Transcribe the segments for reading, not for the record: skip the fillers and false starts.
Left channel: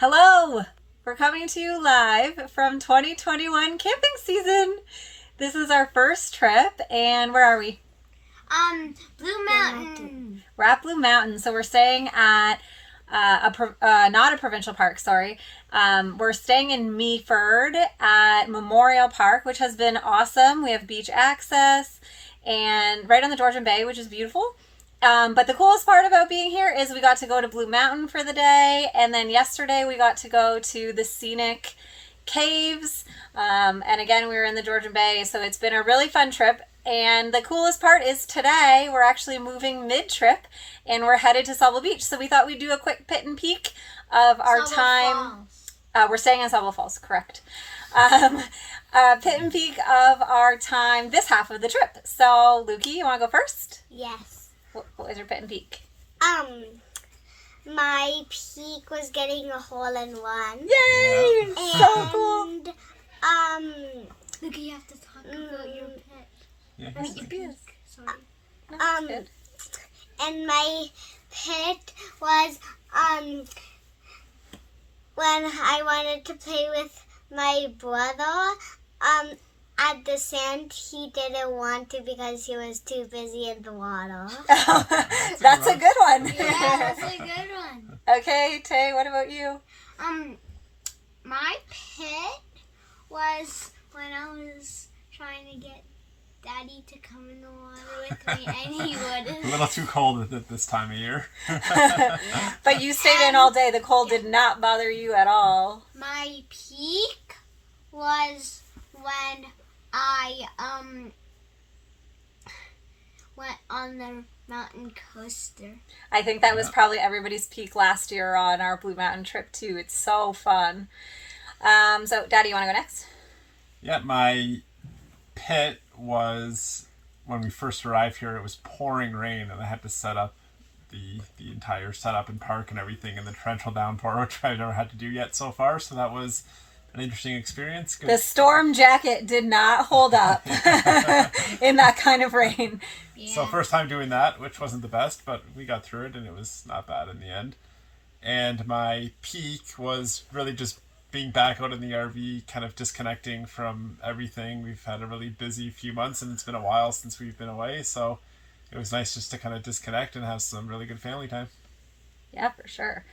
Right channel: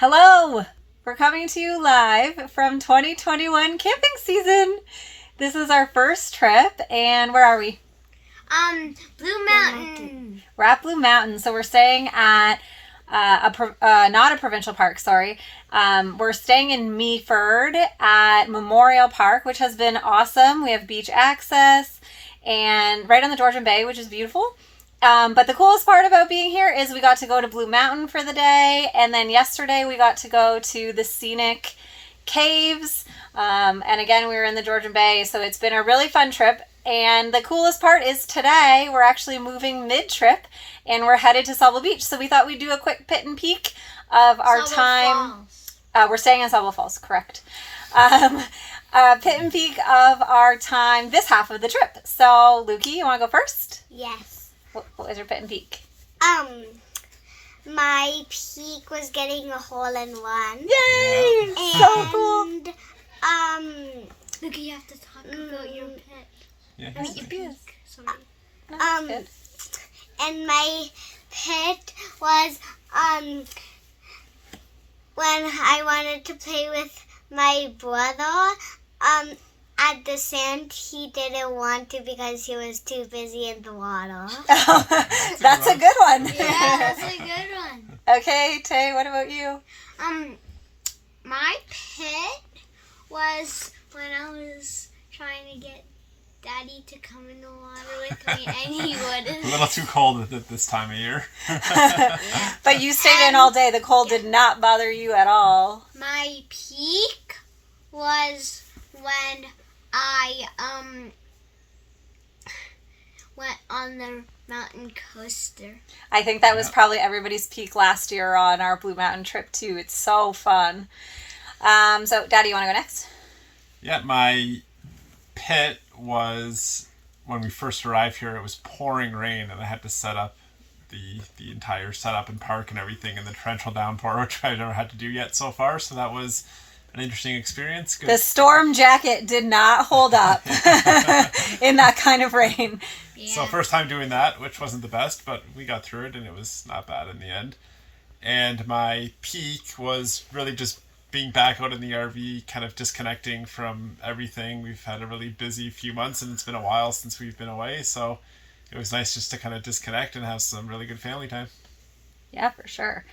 Hello! We're coming to you live from 2021 camping season. This is our first trip, and where are we? Blue Mountain. We're at Blue Mountain, so we're staying at not a provincial park, sorry. We're staying in Meaford at Memorial Park, which has been awesome. We have beach access and right on the Georgian Bay, which is beautiful. But the coolest part about being here is we got to go to Blue Mountain for the day, and then yesterday we got to go to the scenic caves. And again, we were in the Georgian Bay, so it's been a really fun trip. And the coolest part is today we're actually moving mid-trip, and we're headed to Sauble Beach. So we thought we'd do a quick pit and peek of our Sauble time. Falls. We're staying in Sauble Falls, correct. Pit and peek of our time this half of the trip. So, Lukey, you want to go first? Yes. What was your pit and peek? My peak was getting a hole-in-one. Yay! And, So cool. Look, you have to talk about your pet. Yeah, I mean, your peak. Sorry. Good. And my pit was, when I wanted to play with my brother, at the sand, he didn't want to because he was too busy in the water. That's a good one. Yeah, that's a good one. Okay, Tay, what about you? My pit was when I was trying to get Daddy to come in the water with me, and he wouldn't. a little too cold at this time of year. But you stayed in all day. The cold did not bother you at all. My peak was when I went on the mountain coaster. I think that was probably everybody's peak last year on our Blue Mountain trip, too. It's so fun. So, Daddy, you want to go next? Yeah, my pit was when we first arrived here. It was pouring rain, and I had to set up the entire setup and park and everything in the torrential downpour, which I've never had to do yet so far. So that was an interesting experience. Good. The storm jacket did not hold up in that kind of rain. Yeah. So first time doing that, which wasn't the best, but we got through it, and it was not bad in the end. And my peak was really just being back out in the RV, kind of disconnecting from everything. We've had a really busy few months, and it's been a while since we've been away, so it was nice just to kind of disconnect and have some really good family time. Yeah, for sure.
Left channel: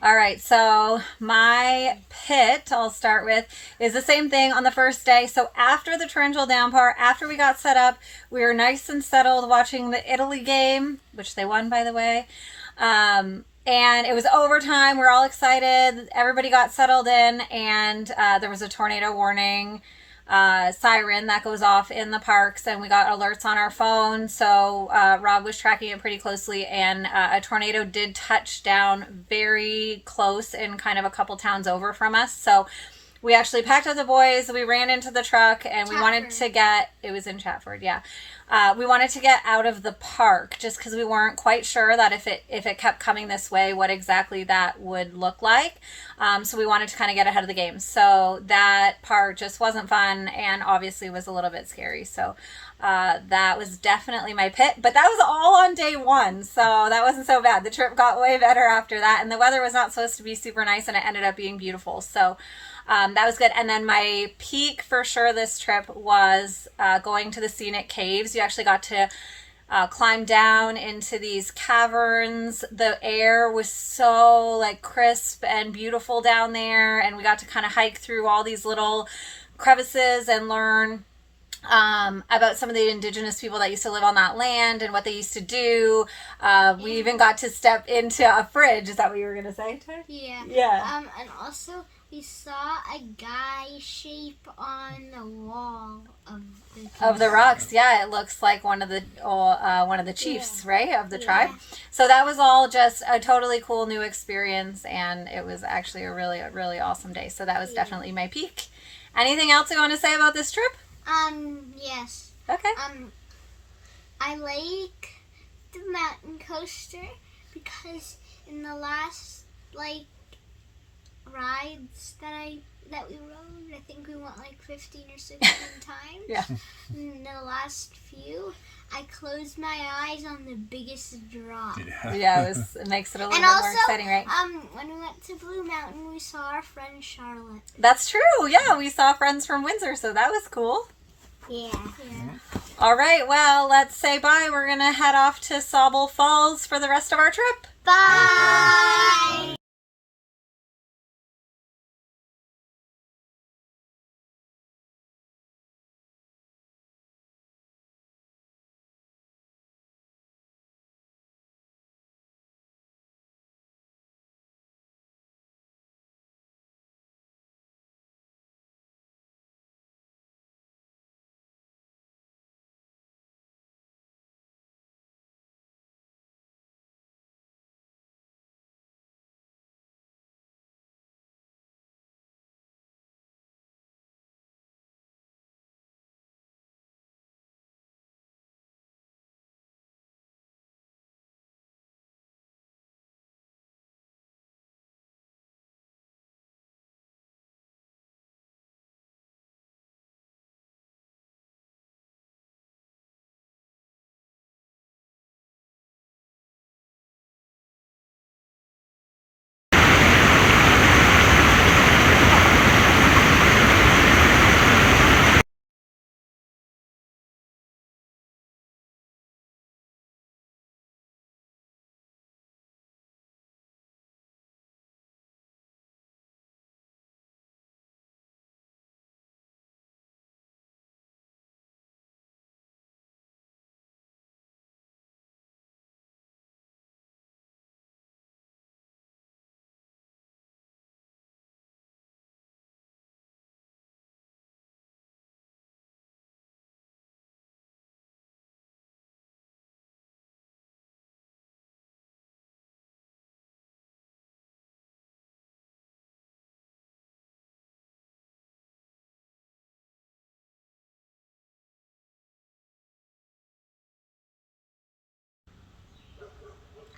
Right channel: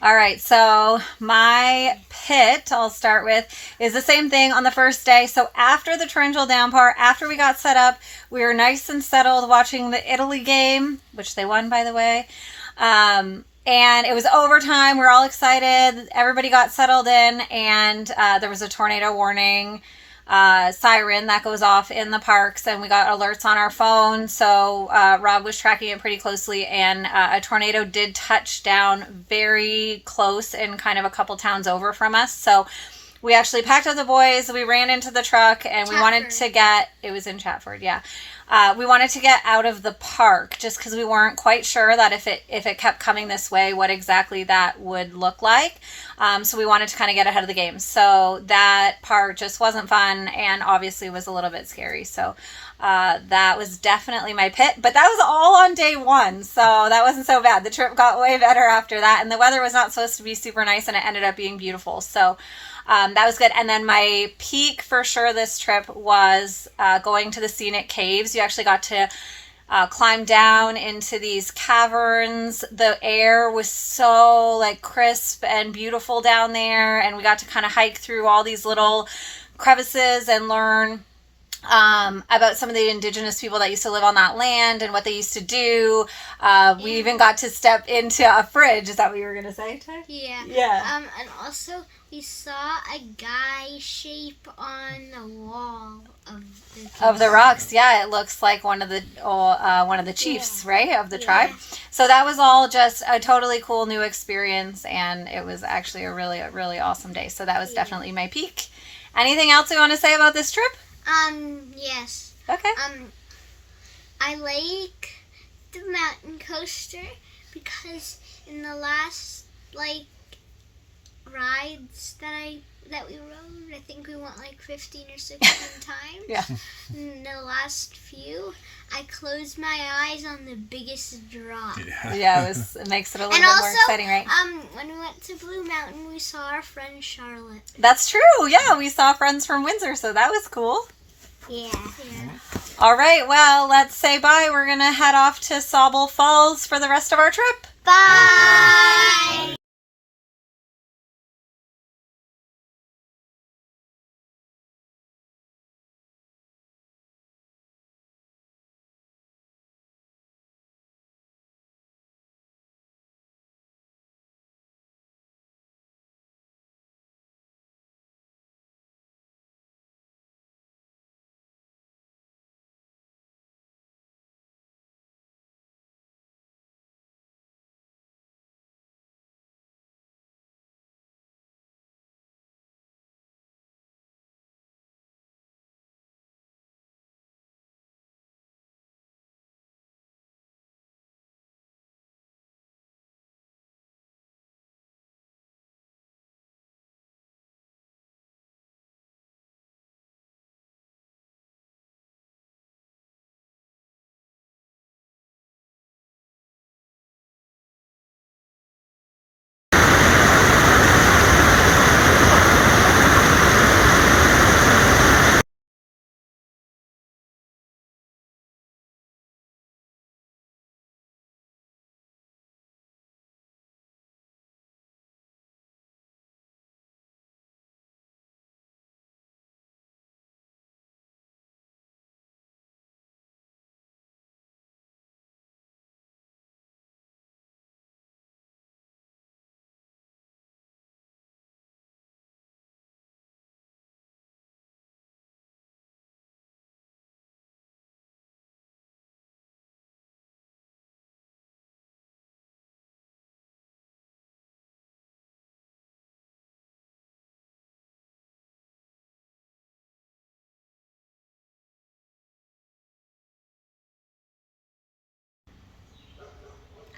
All right, so my pit, I'll start with, is the same thing on the first day. So after the torrential downpour, after we got set up, we were nice and settled watching the Italy game, which they won, by the way. And it was overtime. We were all excited. Everybody got settled in, and there was a tornado warning siren that goes off in the parks, and we got alerts on our phone. So Rob was tracking it pretty closely, and a tornado did touch down very close in kind of a couple towns over from us. So we actually packed up the boys, we ran into the truck, and we wanted to get, it was in Chatford, yeah. We wanted to get out of the park just because we weren't quite sure that if it kept coming this way, what exactly that would look like. So we wanted to kind of get ahead of the game. So that part just wasn't fun and obviously was a little bit scary. So that was definitely my pit. But that was all on day one, so that wasn't so bad. The trip got way better after that, and the weather was not supposed to be super nice, and it ended up being beautiful. So that was good. And then my peak for sure this trip was going to the scenic caves. You actually got to climb down into these caverns. The air was so like crisp and beautiful down there, and we got to kind of hike through all these little crevices and learn about some of the indigenous people that used to live on that land and what they used to do. We even got to step into a fridge. Is that what you were going to say, Tay? Yeah. Yeah. And also we saw a guy shape on the wall of the rocks. Yeah, it looks like one of the chiefs, right, of the tribe. So that was all just a totally cool new experience, and it was actually a really awesome day. So that was definitely my peak. Anything else you want to say about this trip? Yes. Okay. I like the mountain coaster because in the last rides that I that we rode, I think we went like 15 or 16 times. Yeah. In the last few, I closed my eyes on the biggest drop. Yeah, it makes it a little And bit also, more exciting, right? when we went to Blue Mountain, we saw our friend Charlotte. That's true. Yeah, we saw friends from Windsor, so that was cool. Yeah. All right, well, let's say bye. We're going to head off to Sauble Falls for the rest of our trip. Bye!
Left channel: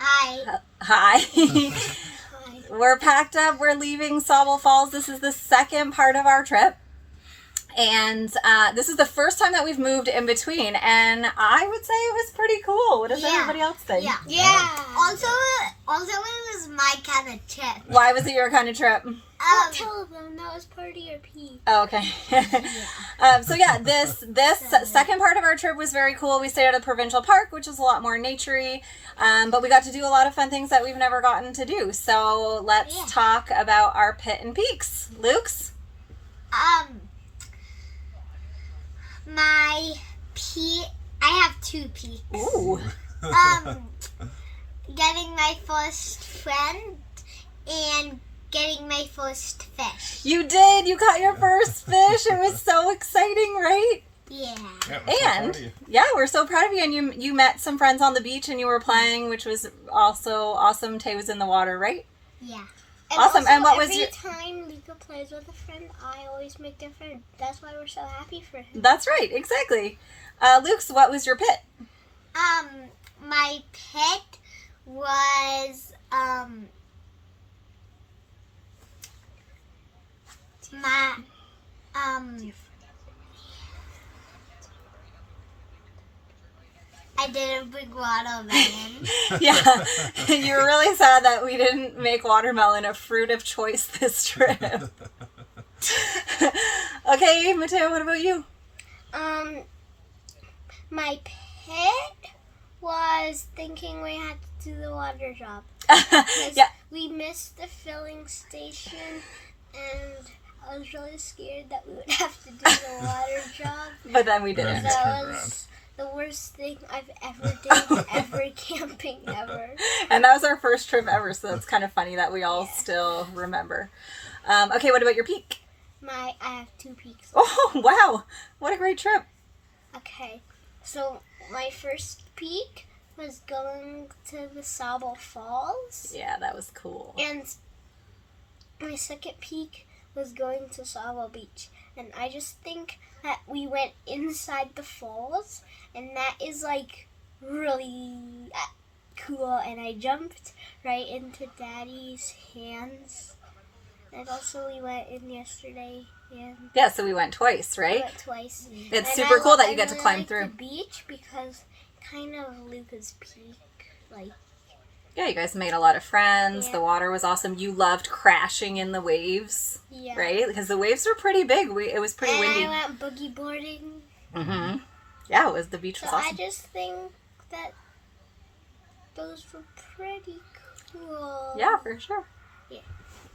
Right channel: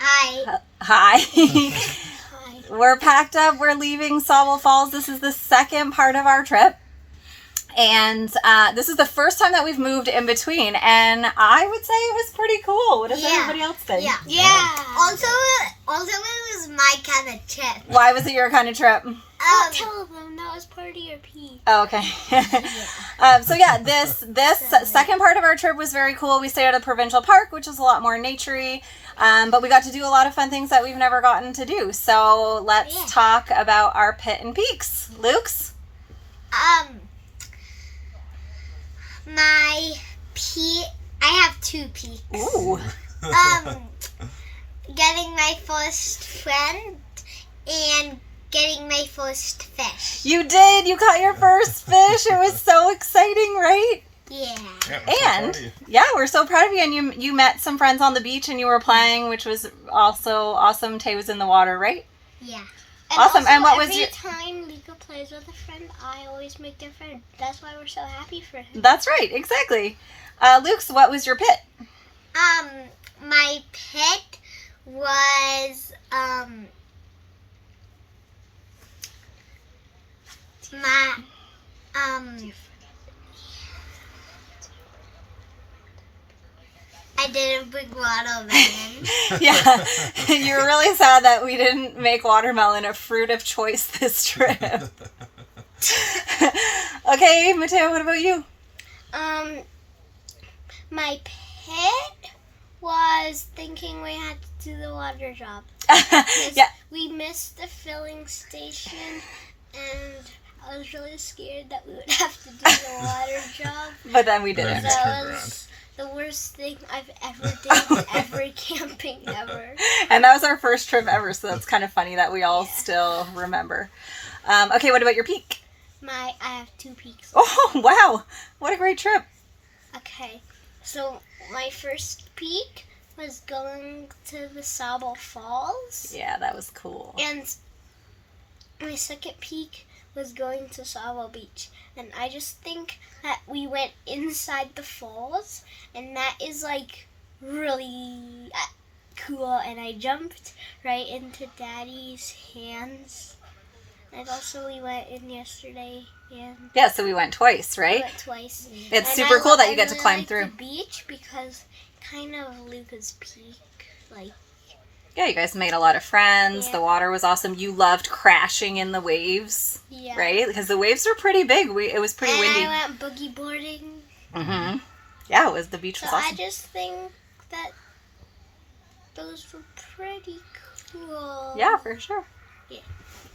Hi. Hi. Hi. We're packed up. We're leaving Sauble Falls. This is the second part of our trip. And this is the first time that we've moved in between. And I would say it was pretty cool. What does everybody else think? Yeah. Also, it was my kind of trip. Why was it your kind of trip? Don't tell them that was part of your pee. Oh, okay. So yeah, this second part of our trip was very cool. We stayed at a provincial park, which is a lot more naturey, but we got to do a lot of fun things that we've never gotten to do. So let's talk about our pit and peaks. Luke's? My peak. I have 2 peaks. Ooh. Getting my first friend and getting my first fish. You did. You caught your first fish. It was so exciting, right? Yeah. And yeah, we're so proud of you. And you met some friends on the beach and you were playing, which was also awesome. Tay was in the water, right? Yeah. Awesome. Also, And what was every time Luca plays with a friend, I always make their friend. That's why we're so happy for him. That's right. Exactly. Luke's, what was your pit? My pit was I didn't bring watermelon. Yeah, you were really sad that we didn't make watermelon a fruit of choice this trip. Okay, Mateo, what about you? My pit was thinking we had to do the water job. Yeah. We missed the filling station, and I was really scared that we would have to do the water job. But then we didn't. That was the worst thing I've ever did ever camping ever. And that was our first trip ever, so that's kind of funny that we all still remember. Okay, what about your peak? I have 2 peaks. Oh, wow. What a great trip. Okay, so my first peak was going to the Sauble Falls. Yeah, that was cool. And my second peak was going to Sauble Beach. And I just think that we went inside the falls, and that is like really cool. And I jumped right into Daddy's hands, And also we went in yesterday. And Yeah, so we went twice, we right? went twice. It's And super cool that you I get to really climb like through. the beach because kind of Luca's Peak. Like, Yeah, you guys made a lot of friends. Yeah. The water was awesome. You loved crashing in the waves, yeah. right? Because the waves were pretty big. It was pretty and windy. I went boogie boarding. Mm-hmm. Yeah, the beach So was awesome. I just think that those were pretty cool. Yeah, for sure.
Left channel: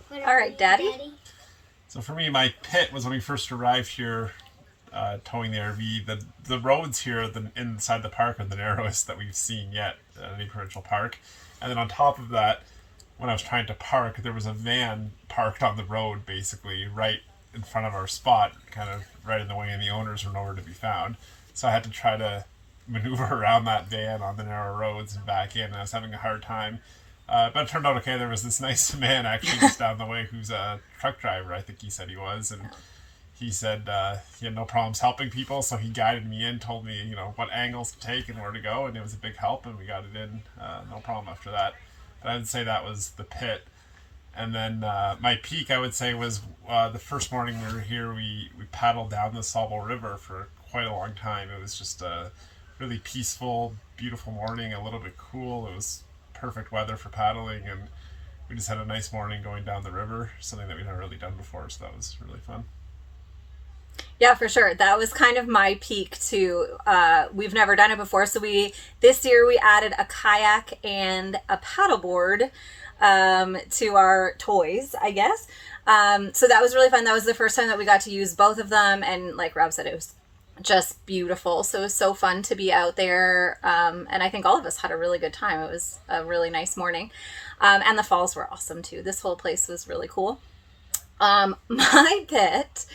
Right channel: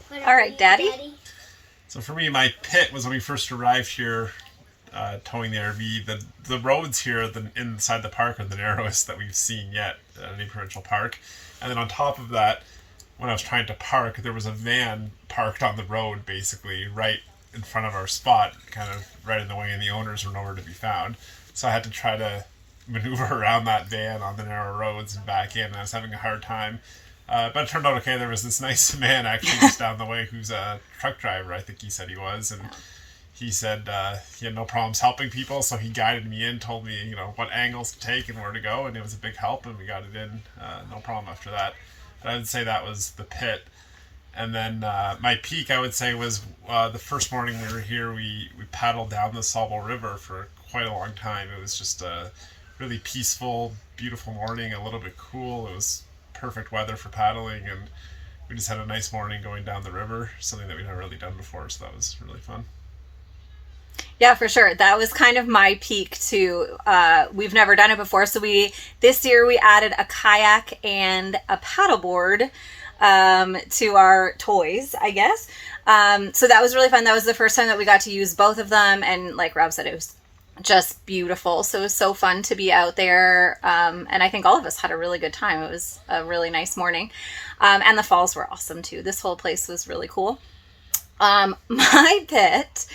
What All right, about Daddy? So for me, my pit was when we first arrived here, towing the RV. The roads here inside the park are the narrowest that we've seen yet at any provincial park. And then on top of that, when I was trying to park, there was a van parked on the road, basically right in front of our spot, kind of right in the way, and the owners were nowhere to be found. So I had to try to maneuver around that van on the narrow roads and back in, and I was having a hard time. But it turned out okay. There was this nice man actually just down the way who's a truck driver, I think he said he was, and he said he had no problems helping people, so he guided me in, told me, what angles to take and where to go, and it was a big help, and we got it in, no problem after that. But I would say that was the pit. And then my peak, I would say, was the first morning we were here, we paddled down the Sauble River for quite a long time. It was just a really peaceful, beautiful morning, a little bit cool. It was perfect weather for paddling, and we just had a nice morning going down the river, something that we've never really done before, so that was really fun. Yeah, for sure. That was kind of my peak too. We've never done it before, so this year we added a kayak and a paddleboard to our toys, I guess. So that was really fun. That was the first time that we got to use both of them, and like Rob said, it was just beautiful. So it was so fun to be out there, and I think all of us had a really good time. It was a really nice morning, and the falls were awesome too. This whole place was really cool. My pit,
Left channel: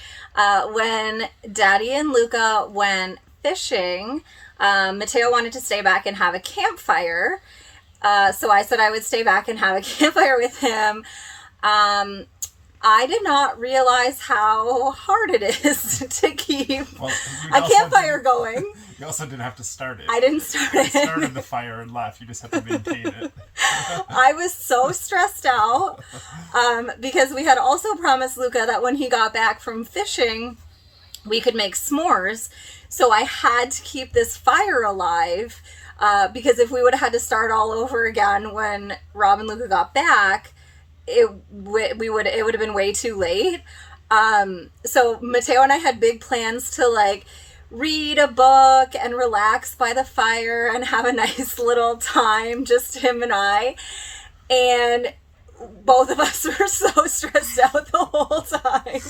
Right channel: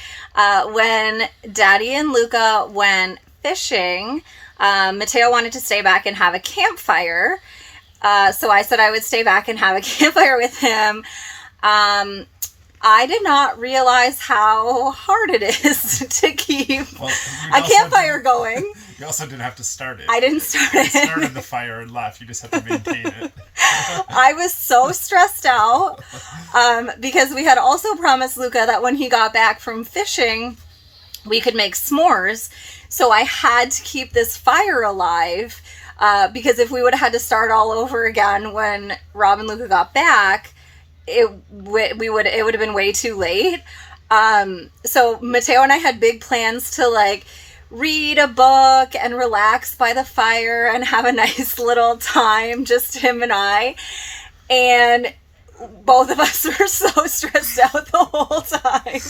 when Daddy and Luca went fishing, Mateo wanted to stay back and have a campfire. So I said I would stay back and have a campfire with him. I did not realize how hard it is to keep a campfire going. You also didn't have to start it. I didn't start it. You started the fire and left. You just had to maintain it. I was so stressed out because we had also promised Luca that when he got back from fishing, we could make s'mores. So I had to keep this fire alive because if we would have had to start all over again when Rob and Luca got back, it would have been way too late. So Mateo and I had big plans to read a book and relax by the fire and have a nice little time, just him and I. And both of us were so stressed out the whole time.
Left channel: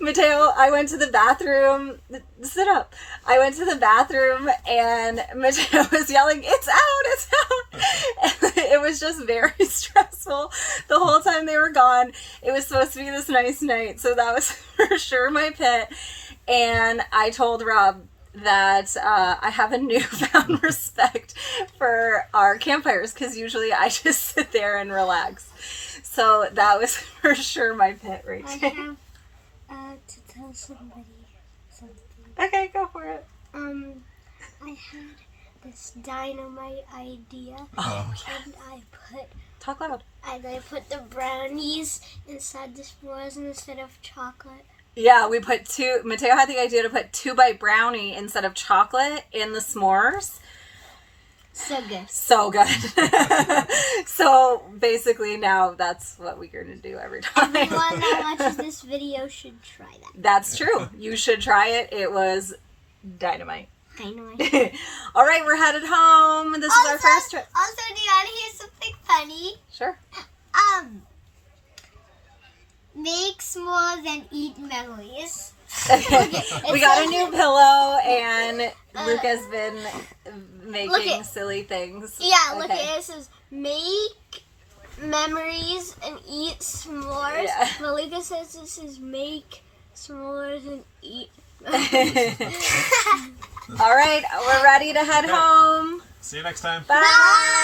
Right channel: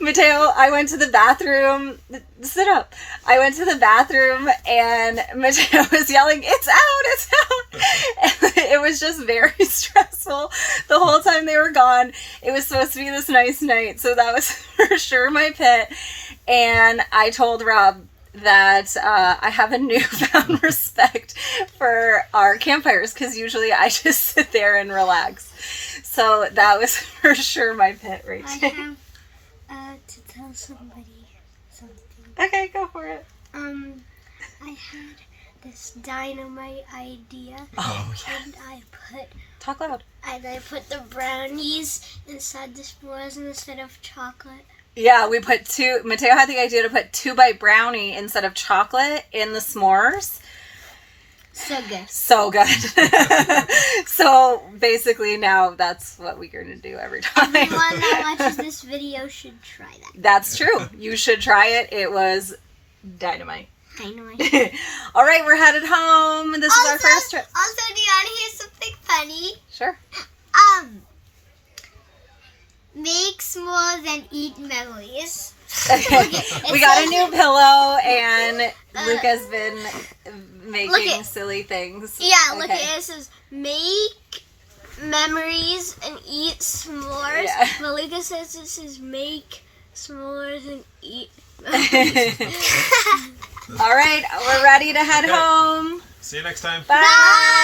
Mateo, I went to the bathroom. Sit up. I went to the bathroom and Mateo was yelling, "It's out, it's out." And it was just very stressful the whole time they were gone. It was supposed to be this nice night. So that was for sure my pit. And I told Rob that I have a newfound respect for our campfires because usually I just sit there and relax. So that was for sure my pit right I there. have to tell somebody something. Okay, go for it. I had this dynamite idea, and I Talk loud. put the brownies inside the s'mores instead of chocolate. Yeah, we put Mateo had the idea to put 2-bite brownie instead of chocolate in the s'mores. So good. So good. So basically now that's what we're going to do every time. Everyone that watches this video should try that. That's true. You should try it. It was dynamite. Dynamite. All right, we're headed home. This is our first trip. Also, do you want to hear something funny? Sure. Make s'mores and eat memories. We got a new pillow and Luca's been making silly things. Yeah, look at it. It says make memories and eat s'mores. Yeah. But Luca says this is make s'mores and eat memories. All right, we're ready to head home. See you next time. Bye.